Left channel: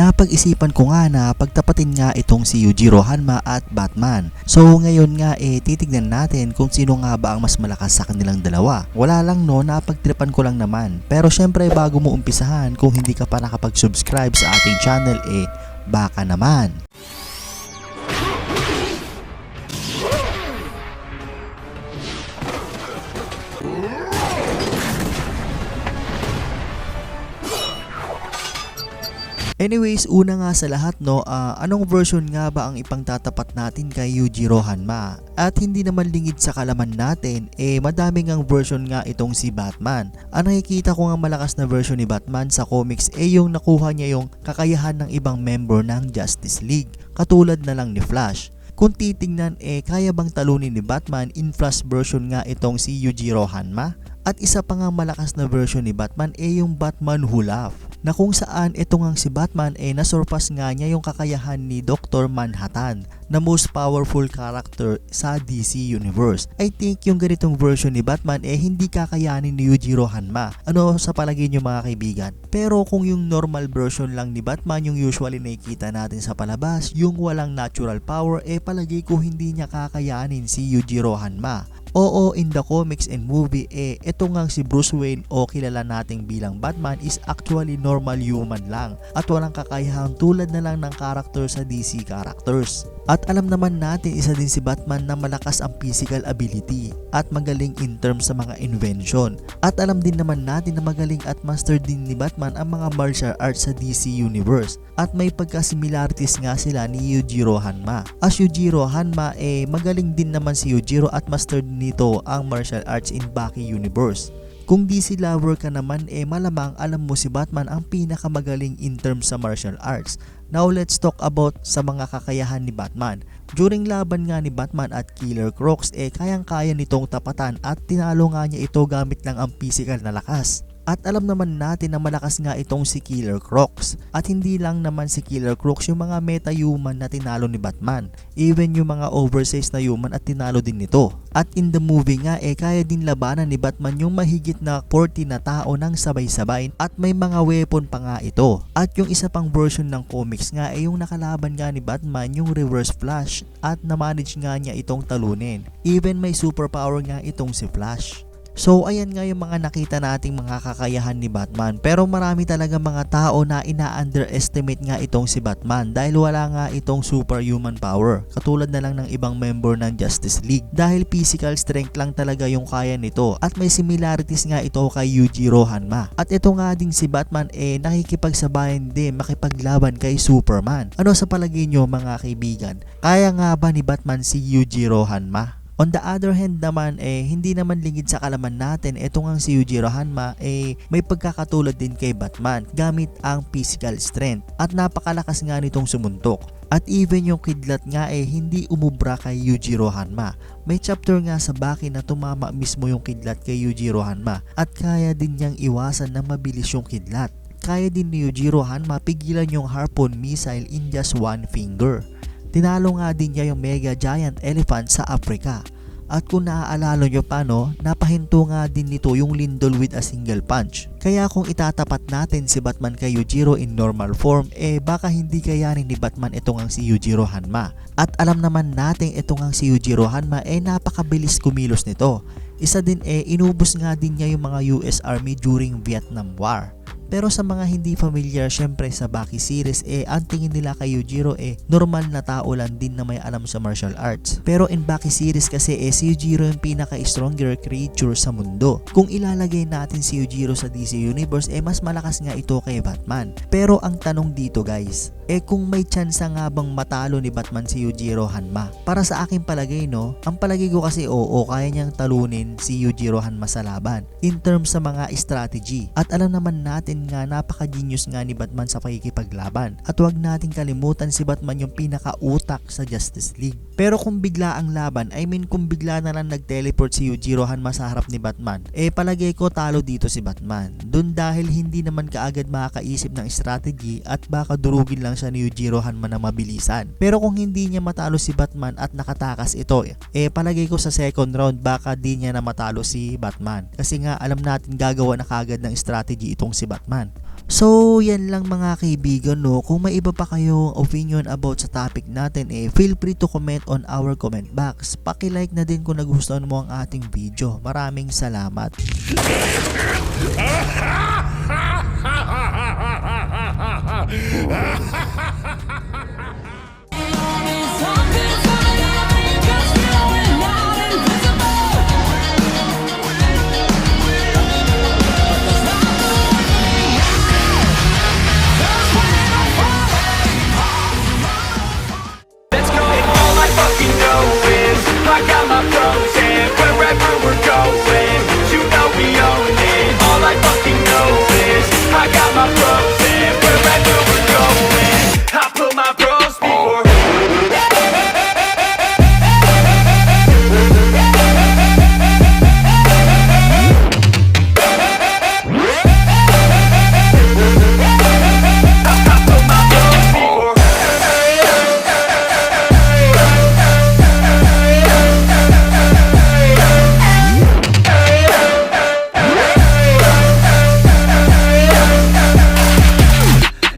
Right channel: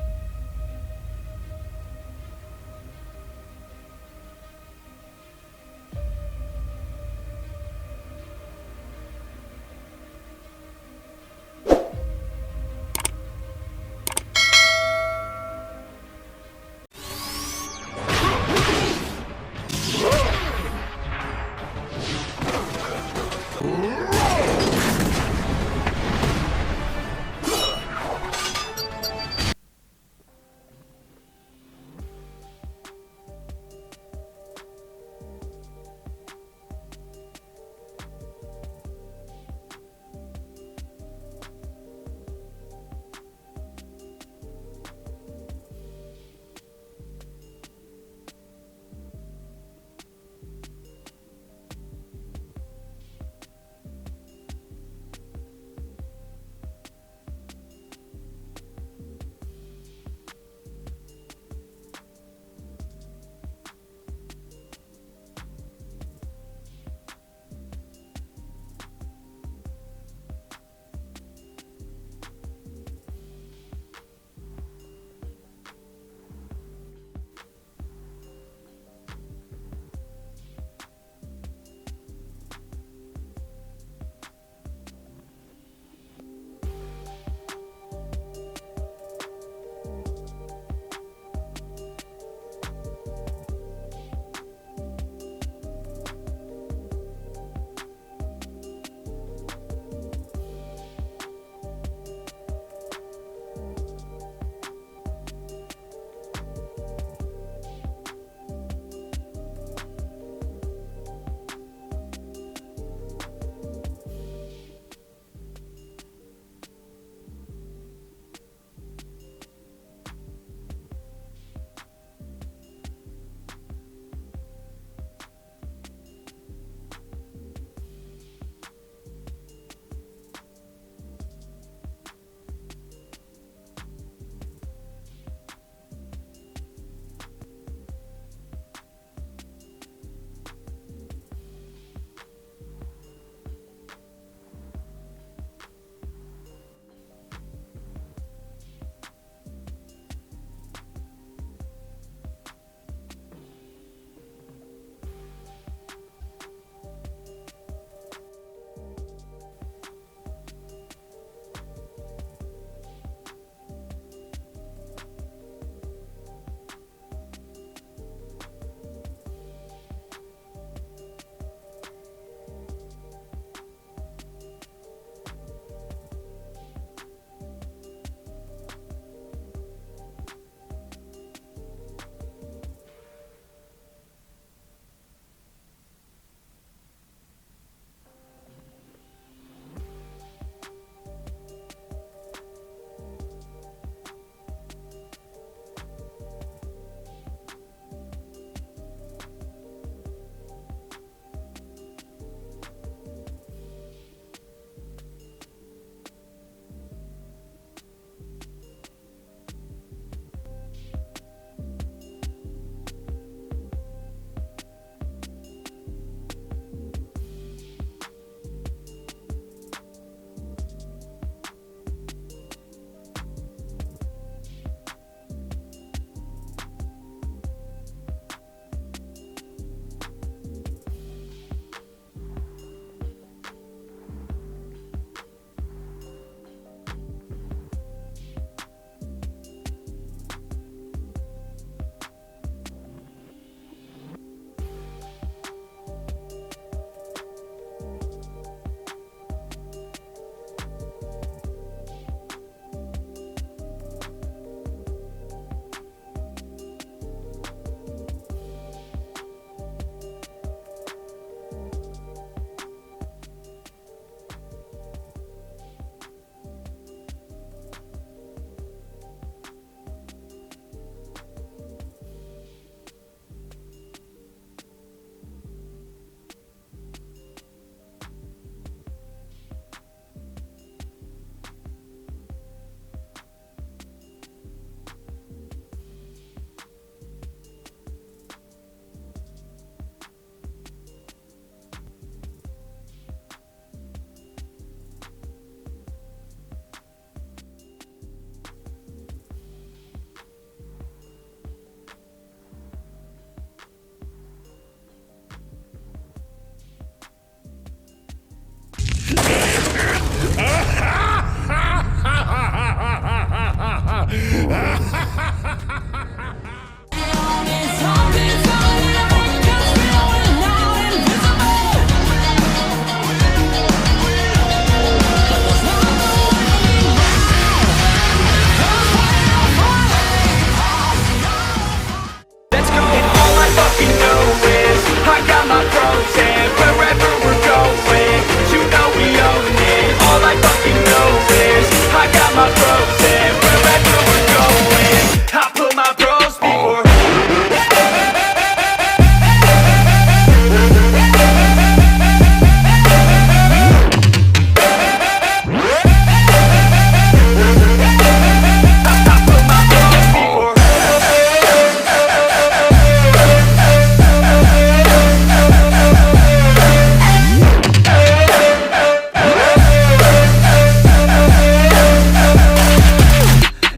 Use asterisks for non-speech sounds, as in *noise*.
napag-isipan ko nga na pagtapatin nga itong si Yujiro Hanma at Batman. So ngayon nga eh titignan natin kung sino nga ba ang mas malakas sa kanilang dalawa. Wala lang no, napagtripan ko lang naman. Pero syempre bago mo umpisahan, kung hindi ka pa nakapag-subscribe sa ating channel eh baka naman. Anyways, una nga sa lahat no, ah, anong version nga ba ang ipangtatapat natin kay Yujiro Hanma? At hindi naman lingid sa kalaman natin, eh madami ngang version nga itong si Batman. Ang nakikita ko nga malakas na version ni Batman sa comics eh yung nakuha niya yung kakayahan ng ibang member ng Justice League, katulad na lang ni Flash. Kung titingnan eh kaya bang talunin ni Batman in Flash version nga itong si Yujiro Hanma? At isa pa nga malakas na version ni Batman eh yung Batman Who Laugh na kung saan ito ngang si Batman eh nasurpass nga niya yung kakayahan ni Dr. Manhattan na most powerful character sa DC Universe. I think yung ganitong version ni Batman eh hindi kakayanin ni Yujiro Hanma. Ano sa palagay niyo mga kaibigan? Pero kung yung normal version lang ni Batman yung usually nakikita natin sa palabas, yung walang natural power eh palagay ko hindi niya kakayanin si Yujiro Hanma. Oo, in the comics and movie, eh, ito nga si Bruce Wayne o kilala nating bilang Batman is actually normal human lang at walang kakayahan tulad na lang ng character sa DC characters. At alam naman natin isa din si Batman na malakas ang physical ability at magaling in terms sa mga invention. At alam din naman natin na magaling at master din ni Batman ang mga martial arts sa DC Universe at may pagkasimilarities nga sila ni Yujiro Hanma. As Yujiro Hanma eh magaling din naman si Yujiro at master din nito ang martial arts in Baki Universe. Kung DC lover ka naman eh malamang alam mo si Batman ang pinakamagaling in terms sa martial arts. Now let's talk about sa mga kakayahan ni Batman. During laban nga ni Batman at Killer Crocs eh kayang-kaya nitong tapatan at tinalo nga niya ito gamit lang ang physical na lakas. At alam naman natin na malakas nga itong si Killer Crocs. At hindi lang naman si Killer Crocs yung mga meta-human na tinalo ni Batman. Even yung mga oversized na human at tinalo din nito. At in the movie nga eh kaya din labanan ni Batman yung mahigit na 40 na tao ng sabay-sabay at may mga weapon pa nga ito. At yung isa pang version ng comics nga ay yung nakalaban nga ni Batman yung Reverse Flash at na-manage nga niya itong talunin. Even may superpower nga itong si Flash. So ayan nga yung mga nakita nating mga kakayahan ni Batman pero marami talaga mga tao na ina-underestimate nga itong si Batman dahil wala nga itong superhuman power katulad na lang ng ibang member ng Justice League dahil physical strength lang talaga yung kaya nito at may similarities nga ito kay Yujiro Hanma at ito nga ding si Batman eh nakikipagsabayan din makipaglaban kay Superman. Ano sa palagay nyo mga kaibigan? Kaya nga ba ni Batman si Yujiro Hanma? On the other hand naman, eh, hindi naman lingid sa kalaman natin, eto nga si Yujiro Hanma, eh, may pagkakatulad din kay Batman gamit ang physical strength at napakalakas nga nitong sumuntok. At even yung kidlat nga eh, hindi umubra kay Yujiro Hanma. May chapter nga sa Baki na tumama mismo yung kidlat kay Yujiro Hanma at kaya din niyang iwasan na mabilis yung kidlat. Kaya din ni Yujiro Hanma pigilan yung harpoon missile in just one finger. Tinalo nga din niya yung mega giant elephant sa Africa. At kung naaalala nyo pa no, napahinto nga din nito yung lindol with a single punch. Kaya kung itatapat natin si Batman kay Yujiro in normal form, eh baka hindi kayanin ni Batman ito ngang si Yujiro Hanma. At alam naman natin ito ngang si Yujiro Hanma eh napakabilis kumilos nito. Isa din eh inubos nga din niya yung mga US Army during Vietnam War. Pero sa mga hindi familiar syempre sa Baki series eh ang tingin nila kay Yujiro eh normal na tao lang din na may alam sa martial arts. Pero in Baki series kasi eh si Yujiro yung pinaka-stronger creature sa mundo. Kung ilalagay natin si Yujiro sa DC Universe eh mas malakas nga ito kay Batman. Pero ang tanong dito guys, eh kung may chance nga bang matalo ni Batman si Yujiro Hanma? Para sa akin palagay no, ang palagay ko kasi oo kaya niyang talunin si Yujiro Hanma sa laban in terms sa mga strategy. At alam naman natin nga napaka-genius nga ni Batman sa pakikipaglaban. At huwag nating kalimutan si Batman yung pinaka-utak sa Justice League. Pero kung bigla ang laban, I mean kung bigla na lang nag-teleport si Yujiro Hanma sa harap ni Batman, eh palagay ko talo dito si Batman. Dun dahil hindi naman kaagad makakaisip ng strategy at baka durugin lang siya ni Yujiro Hanma na mabilisan. Pero kung hindi niya matalo si Batman at nakatakas ito, eh palagay ko sa second round baka di niya na matalo si Batman. Kasi nga alam natin gagawa na kagad ng strategy itong si Batman. So, yan lang mga kaibigan no. Kung may iba pa kayong opinion about sa topic natin eh, feel free to comment on our comment box. Paki-like na din kung nagustuhan mo ang ating video. Maraming salamat. *laughs*